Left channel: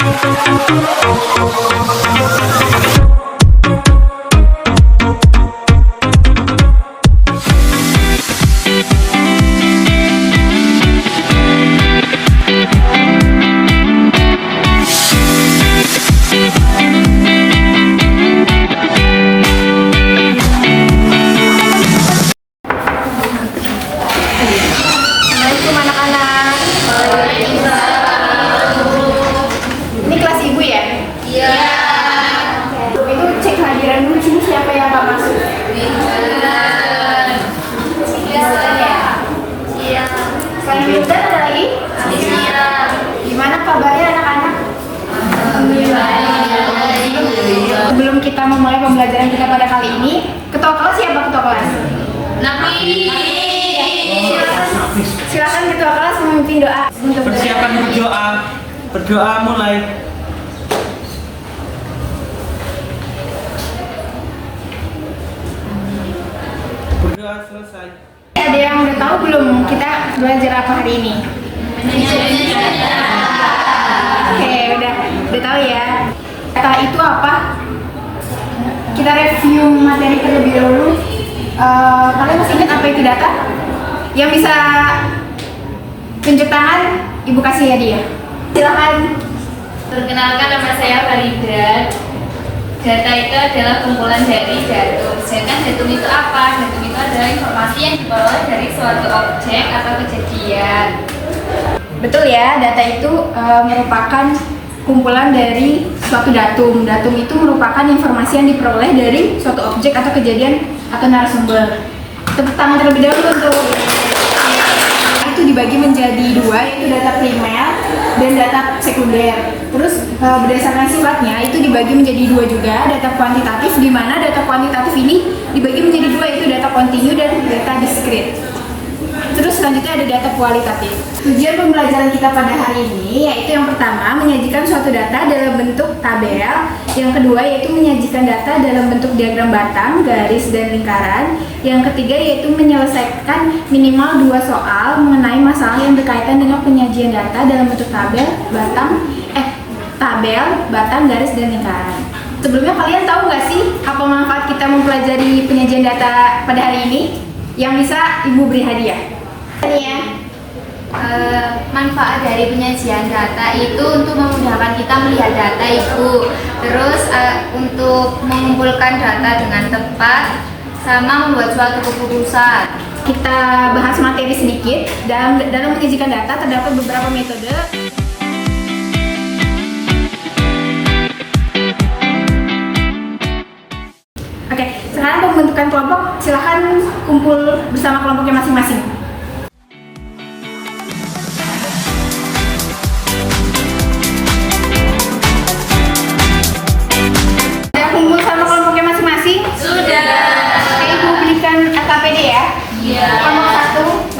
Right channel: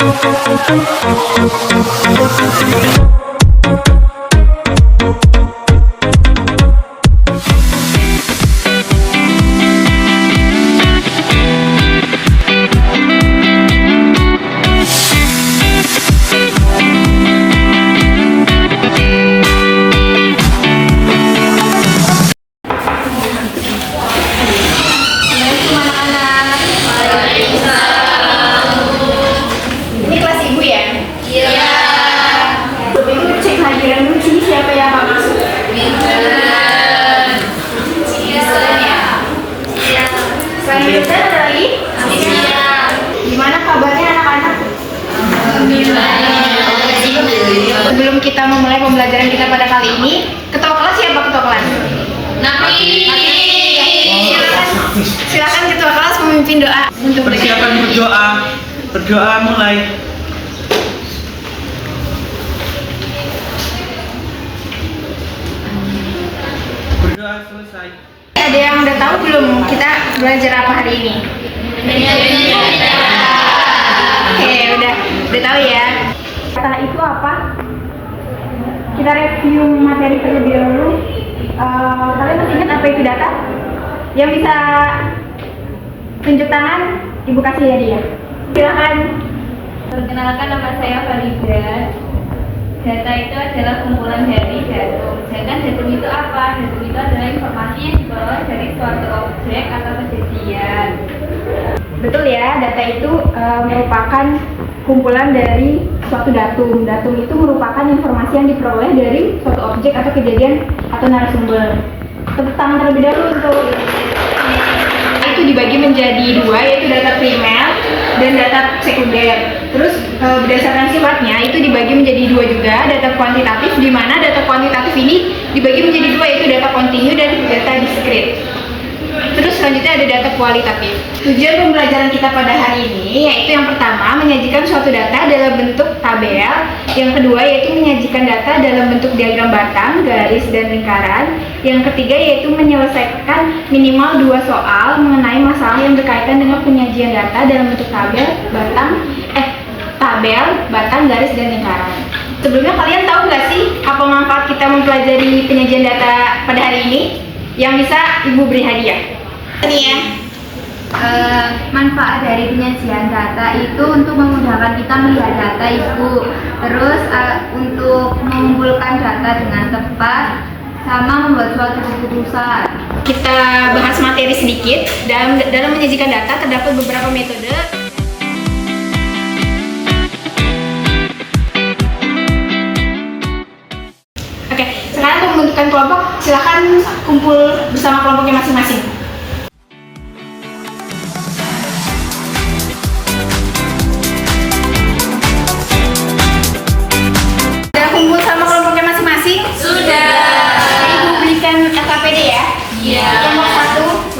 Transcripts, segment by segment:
Assalamualaikum anak-anak. Ini kelas ibu ya? Iya. Ibu cek hadiran dulu sini siapa yang Pak masuk? Iya. Selain Yuda ada lagi? Iya. Gimana kabarnya anak-anak? Sebelum kita memulai pembelajaran kita pada kali ini, ketua kelas siapa ketua kelas? Silakan ketua kelas memimpin doa untuk persiapan berdoa. Berdoa mulai. Berdoa selesai. Ada yang udah tahu belum kita belajar apa hari ini? Oke, udah tahu ya. Data itu apa? Kita review materi terlebih dahulu. Kalian masih ingat apa itu data? Yang bisa tunjuk tangan, ibu kasih hadiah. Silakan. Perkenalkan, nama saya Farida. Data itu adalah kumpulan dari datum. Sedangkan datum itu apa? Datum itu adalah informasi yang diperoleh dari suatu objek atau kejadian. Betul ya, data itu merupakan kumpulan dari suatu datum. Datum itu merupakan informasi yang diperoleh dari suatu objek atau kejadian atau narasumber. Tepuk tangan terlebih dahulu untuk itu dibagi menjadi dua, yaitu data primer dan data sekunder. Terus berdasarkan sifatnya itu dibagi menjadi dua juga, data kuantitatif, di mana data kuantitatif ini dibagi menjadi dua, yaitu data kontinu dan data diskrit. Terus selanjutnya ada data kualitatif. Tujuan pembelajaran kita pada hari ini yaitu yang pertama menyajikan suatu data dalam bentuk tabel, yang kedua yaitu menyajikan data dalam bentuk diagram batang, garis, dan lingkaran, yang ketiga yaitu menyelesaikan minimal 2 soal mengenai masalah yang berkaitan dengan penyajian data dalam bentuk tabel, batang, garis, dan lingkaran. Sebelumnya kalian tahu nggak sih apa manfaat kita mempelajari penyajian data pada hari ini? Yang bisa ibu beri hadiah. Ini ya. Manfaat dari penyajian data itu untuk memudahkan kita melihat data ibu, terus untuk mengumpulkan data dengan tepat, sama membuat suatu keputusan. Kita bahas materi sedikit. Dalam menyajikan data terdapat beberapa metode. Oke, sekarang untuk membentukkan kelompok, silahkan kumpul bersama kelompoknya masing-masing. Sudah kumpul sama kelompoknya masing-masing? Sudah. Oke, ibu berikan SKPD ya. Iya. Kelompok 1.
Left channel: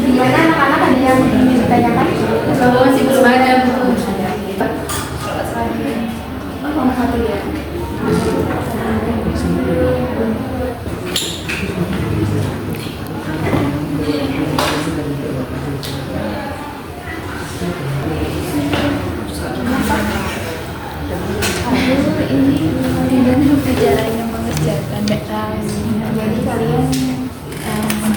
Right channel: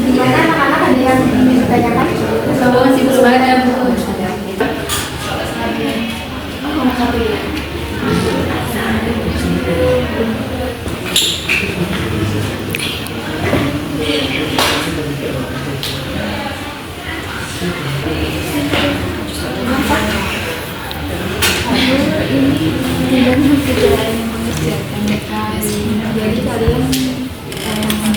Gimana anak-anak ada yang ingin ditanyakan? Masih belum ada bu. Kelompok 1 ya. Jadi kalian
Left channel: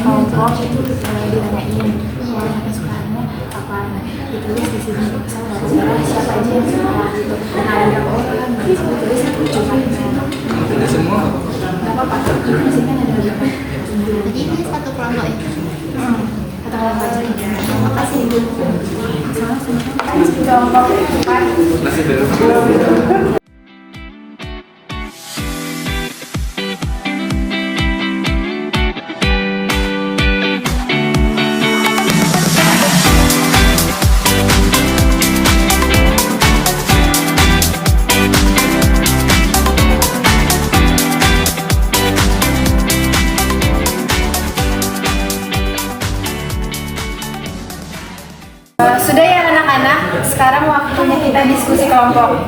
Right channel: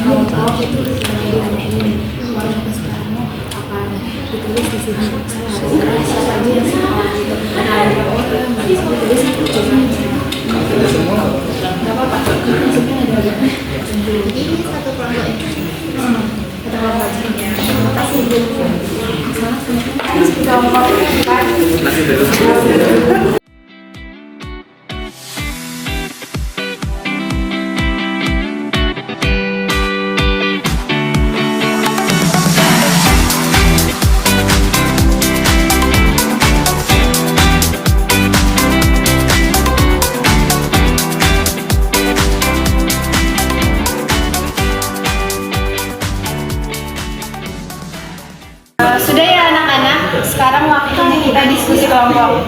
kelompok itu mulai ditanyain soal kesukaannya apa, ditulis di sini. Saya harus siapa aja yang suka gitu. Nah, ada berapa orang ditulis jumlahnya. Tidak semua. Nggak apa-apa. Di sini ada berapa? Jadi ini satu kelompok ya. Satu kelompok aja. Terima kasih ibu. Salah kelompok kan? Masih belum. sekarang waktunya kita diskusi kelompok.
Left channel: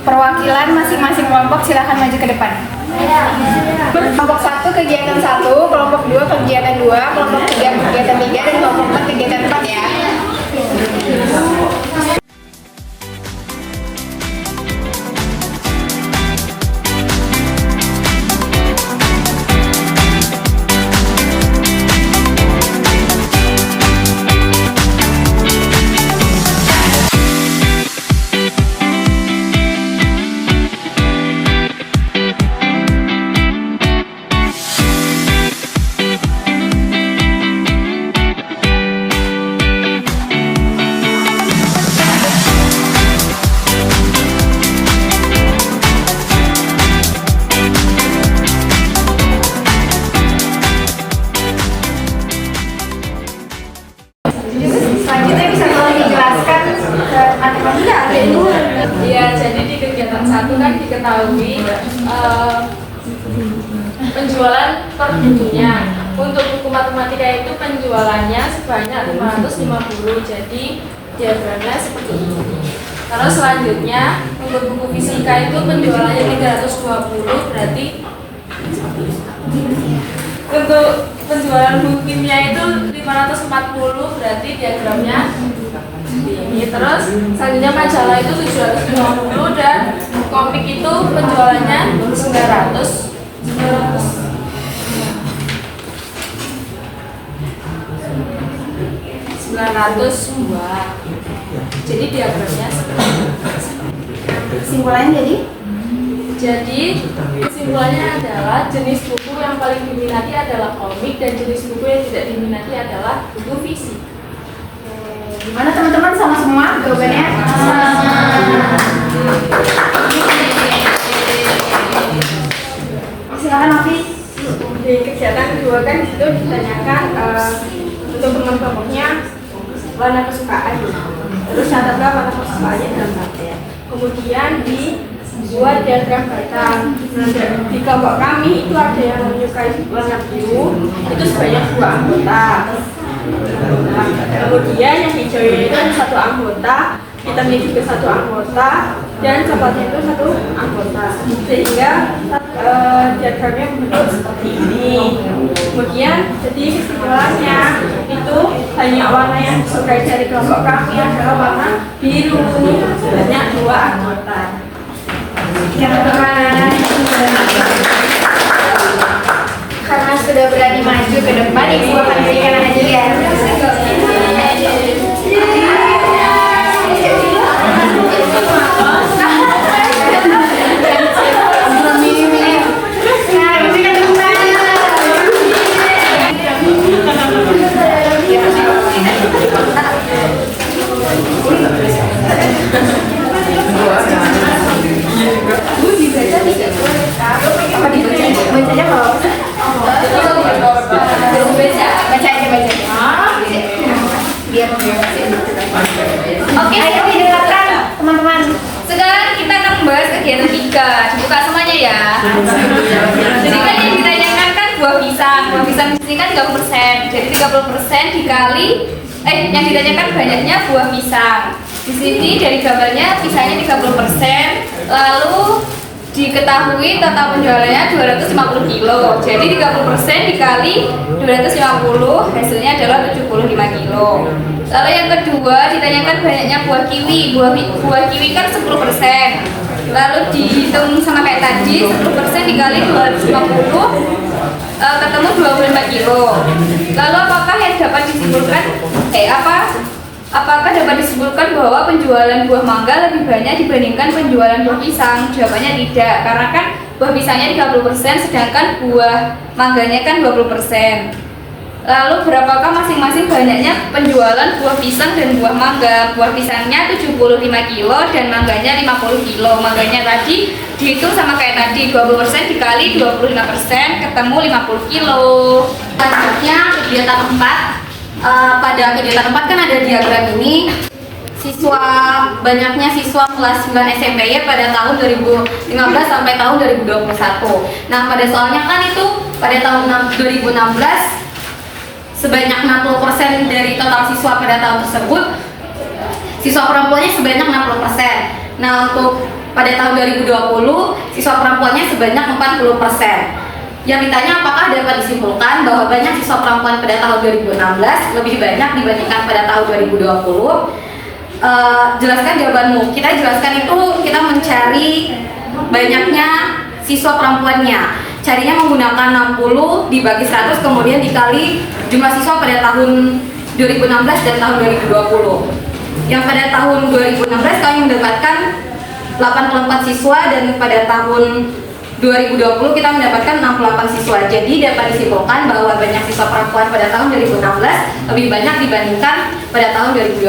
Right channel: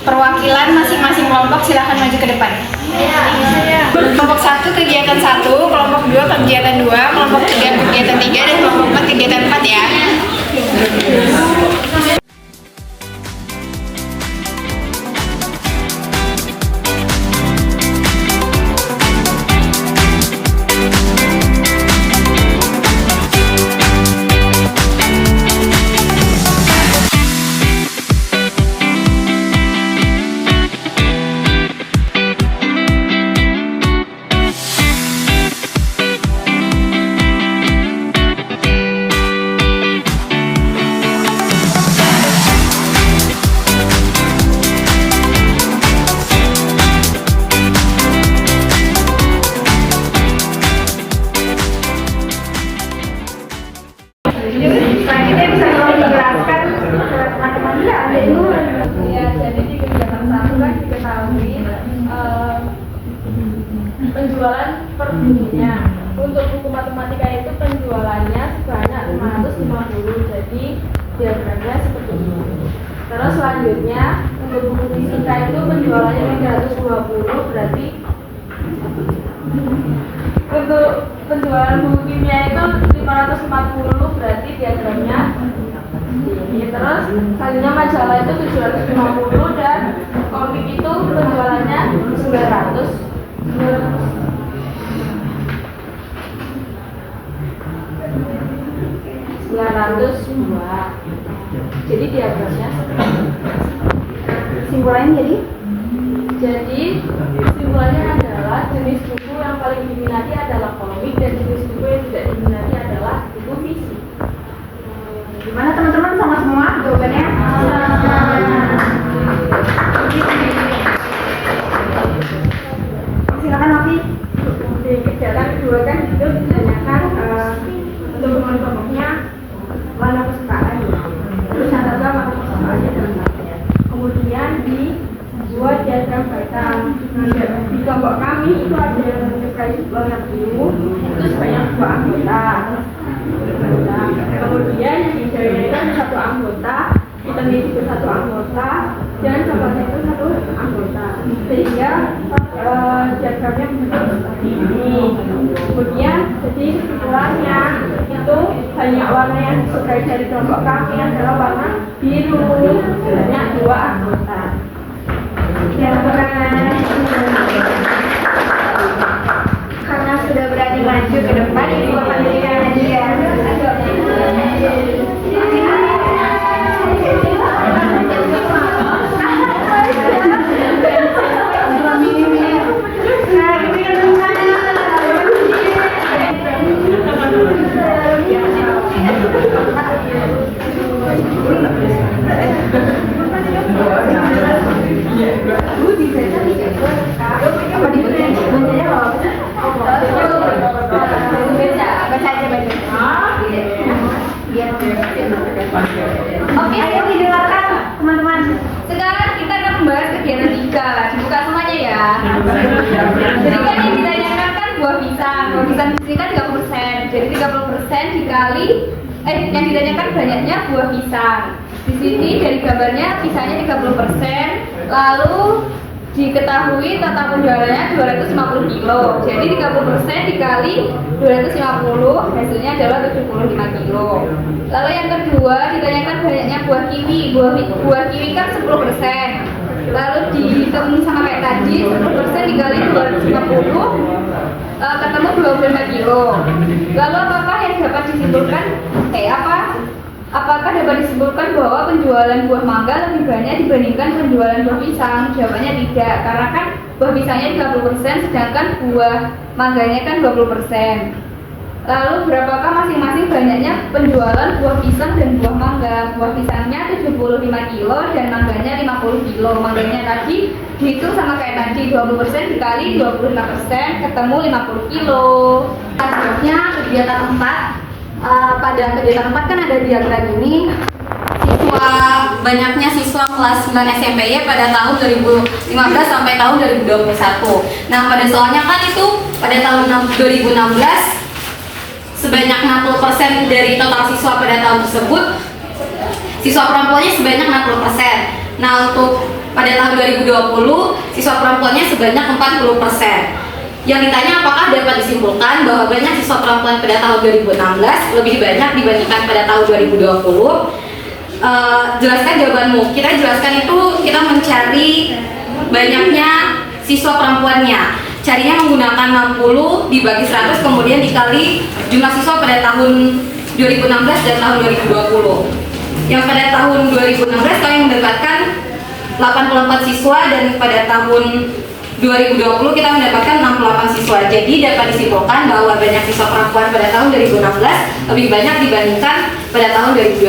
Perwakilan masing-masing kelompok silahkan maju ke depan. Kelompok 1 kegiatan 1, kelompok 2 kegiatan 2, kelompok 3 kegiatan 3, dan kelompok 4 kegiatan 4 ya. Selanjutnya bisa tolong dijelaskan ke teman-teman ya, ada dulu. Ya, jadi di kegiatan 1 kan diketahui penjualan per bukunya. Untuk buku matematika itu penjualannya sebanyak 550. Jadi diagramnya seperti ini. Terus selanjutnya untuk buku fisika itu penjualannya 320, berarti untuk penjualan buku kimia itu 540, berarti diagramnya ini. Terus selanjutnya majalah itu 750 dan komik itu penjualannya 902. Jadi diagramnya seperti ini. Kesimpulannya Jadi kesimpulannya adalah jenis buku yang paling diminati adalah komik dan jenis buku yang tidak diminati adalah buku fisik. gimana teman-teman, sama semua jawabannya? Silakan Novi. Di kegiatan 2 kan itu ditanyakan untuk kelompoknya warna kesukaan, terus catatkan warna kesukaannya dalam materi. Kemudian dibuat diagram batang. Di kelompok kami itu ada yang menyukai warna biru, itu sebanyak 2 anggota. Kemudian yang hijaunya itu ada 1 anggota, hitamnya juga 1 anggota, dan coklatnya itu 1 anggota. Sehingga diagramnya bentuk seperti ini. Kemudian jadi kesimpulannya itu banyak warna yang disukai dari kelompok kami adalah warna biru kuning, banyak 2 anggota. Karena sudah berani maju ke depan, ibu akan berikan hadiah. Bacanya kalau baca aja biar oke, ayo didengarkan teman-teman. Sekarang kita akan membahas kegiatan 3. Dibuka semuanya ya. Jadi kan yang ditanyakan kan buah pisang. Buah pisang di sini kan 30%. Jadi 30% dikali yang ditanyakan banyaknya buah pisang. Di sini dari gambarnya pisangnya 30%, lalu diketahui total penjualannya 250 kilo. Jadi 30% dikali 250 hasilnya adalah 75 kilo. Lalu yang kedua ditanyakan banyaknya buah kiwi. Buah kiwi kan 10%. Lalu dihitung sama kayak tadi, 10% dikali 250 ketemu 25 kilo. Lalu apakah yang dapat disimpulkan apakah dapat disimpulkan bahwa penjualan buah mangga lebih banyak dibandingkan penjualan buah pisang? Jawabannya tidak, karena kan buah pisangnya 30%, sedangkan buah mangganya kan 20%. Lalu berapakah masing-masing banyaknya penjualan buah pisang dan buah mangga? Buah pisangnya 75 kilo dan mangganya 50 kilo. Mangganya tadi dihitung sama kayak tadi, 20% dikali 25% ketemu 50 kilo. Selanjutnya kegiatan 4. Pada kegiatan 4 kan ada diagram ini. Banyaknya siswa kelas 9 SMPY pada tahun 2015 sampai tahun 2021. Nah, pada soalnya kan itu pada tahun 2016 sebanyak 60% dari total siswa pada tahun tersebut siswa perempuannya sebanyak 60%. Nah, untuk pada tahun 2020 siswa perempuannya sebanyak 40%. Yang ditanya apakah dapat disimpulkan bahwa banyak siswa perempuan pada tahun 2016 lebih banyak dibandingkan pada tahun 2020. Jelaskan jawabanmu. Kita jelaskan itu kita mencari banyaknya siswa perempuannya. Carinya menggunakan 60 dibagi 100 kemudian dikali jumlah siswa pada tahun 2016 dan tahun 2020. Yang pada tahun 2016 kami mendapatkan 84 siswa dan pada tahun 2020 kita mendapatkan 68 siswa. Jadi dapat disimpulkan bahwa banyak siswa perempuan pada tahun 2016 lebih banyak dibandingkan pada tahun 2020.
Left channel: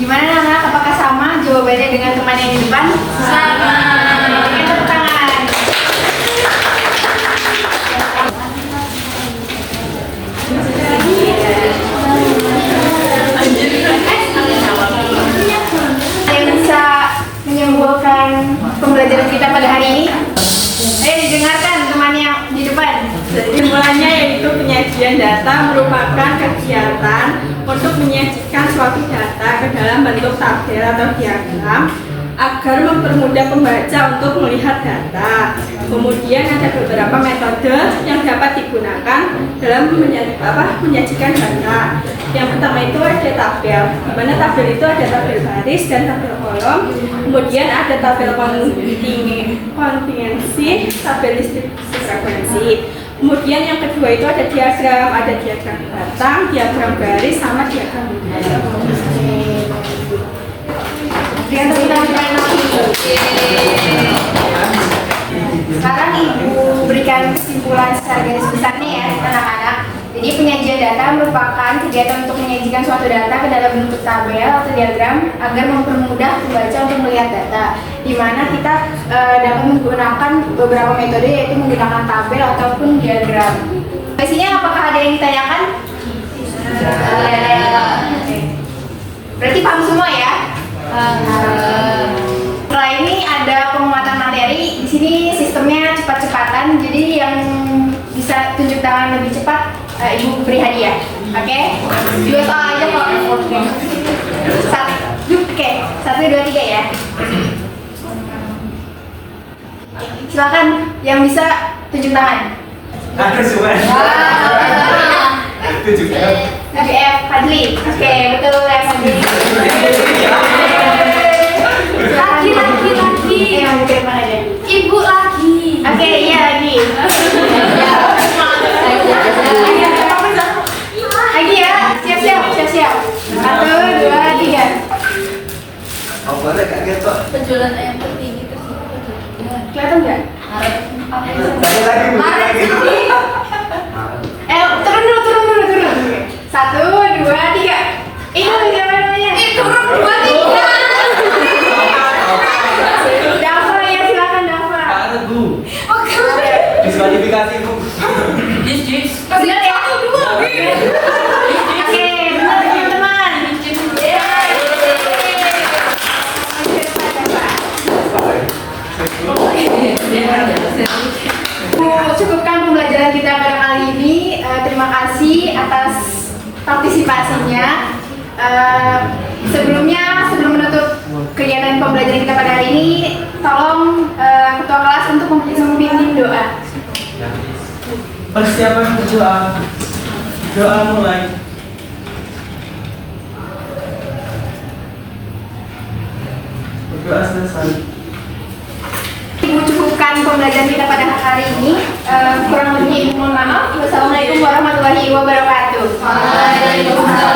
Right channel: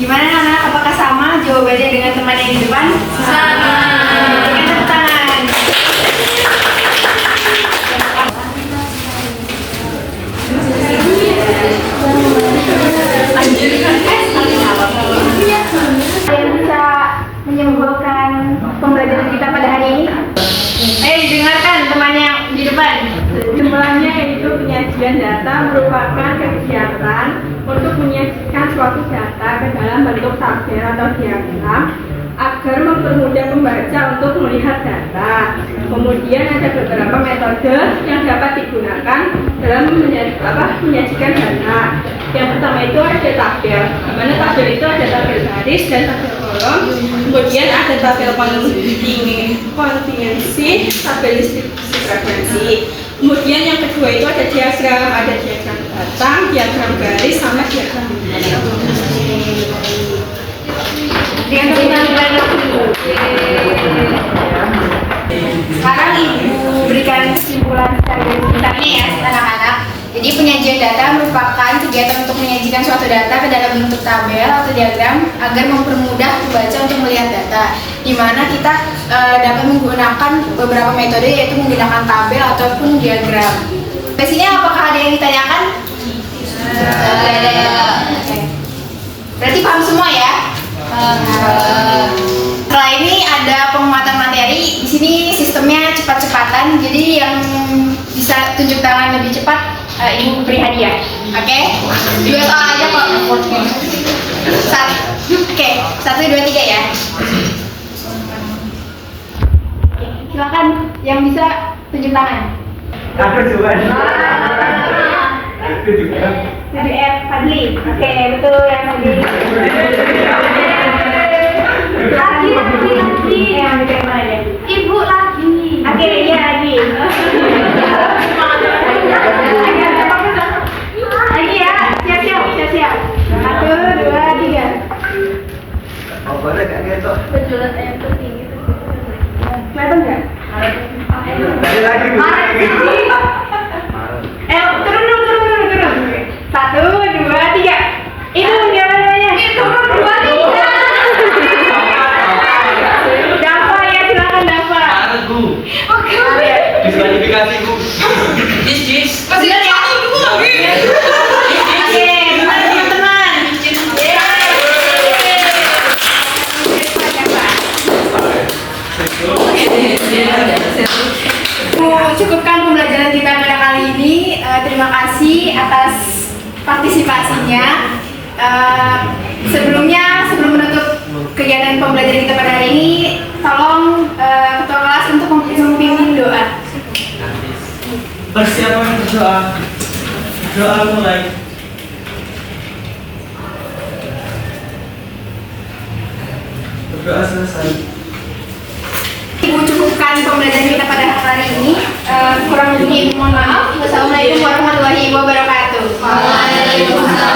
Gimana anak-anak? Apakah sama jawabannya dengan teman yang di depan? Sama. Berikan tepuk tangan. Yang bisa menyimpulkan pembelajaran kita pada hari ini? Dengarkan temannya di depan. Kesimpulannya yaitu penyajian data merupakan kegiatan untuk menyajikan suatu data ke dalam bentuk tabel atau diagram agar mempermudah pembaca untuk melihat data. Kemudian ada beberapa metode yang dapat digunakan dalam menyajikan data. Yang pertama itu ada tabel, di mana tabel itu ada tabel baris dan tabel kolom. Kemudian ada tabel kontingensi, tabel listrik frekuensi. Kemudian yang kedua itu ada diagram batang, diagram garis, sama diagram bintang. Sekarang Ibu berikan kesimpulan secara garis besarnya ya anak-anak. Jadi penyajian data merupakan kegiatan untuk menyajikan suatu data ke dalam bentuk tabel atau diagram agar mempermudah pembaca untuk melihat data. Di mana kita dapat menggunakan beberapa metode yaitu menggunakan tabel ataupun diagram. Di sini apakah ada yang ditanyakan? Oke. Berarti paham semua ya? Setelah ini ada penguatan materi. Di sini sistemnya cepat-cepatan. Jadi yang bisa tunjuk tangan lebih cepat, Ibu beri hadiah. Oke? 2 soal aja kok. Oke, 1, 2, 3 ya. Silakan yang bisa tunjuk tangan. Aku suka. 7F Fadli. Oke, betul ya Fadli. Lagi. Yang mana deh? Ibu lagi. Oke, iya lagi. Lagi ya, siap-siap. 1, 2, 3. Opornya kaget kok. Penjualan ayam tertinggi tersebut. Kelihatan nggak? Lagi. Turun dulu. 1, 2, 3. Itu siapa namanya? Turun 2, 3. Dafa ya, silakan Dafa. Parut Bu. Diskualifikasi Bu. Jis. Masih ada 1, 2. Oke, benar teman-teman. Cukupkan pembelajaran kita pada kali ini. Terima kasih atas partisipasinya. Sebelum menutup kegiatan pembelajaran kita pada hari ini, tolong ketua kelas untuk memimpin doa. Persiapan berdoa. Doa mulai. Berdoa selesai. Ibu cukupkan pembelajaran kita pada hari ini. Kurang lebihnya Ibu mohon maaf. Wassalamualaikum warahmatullahi wabarakatuh. Waalaikumsalam.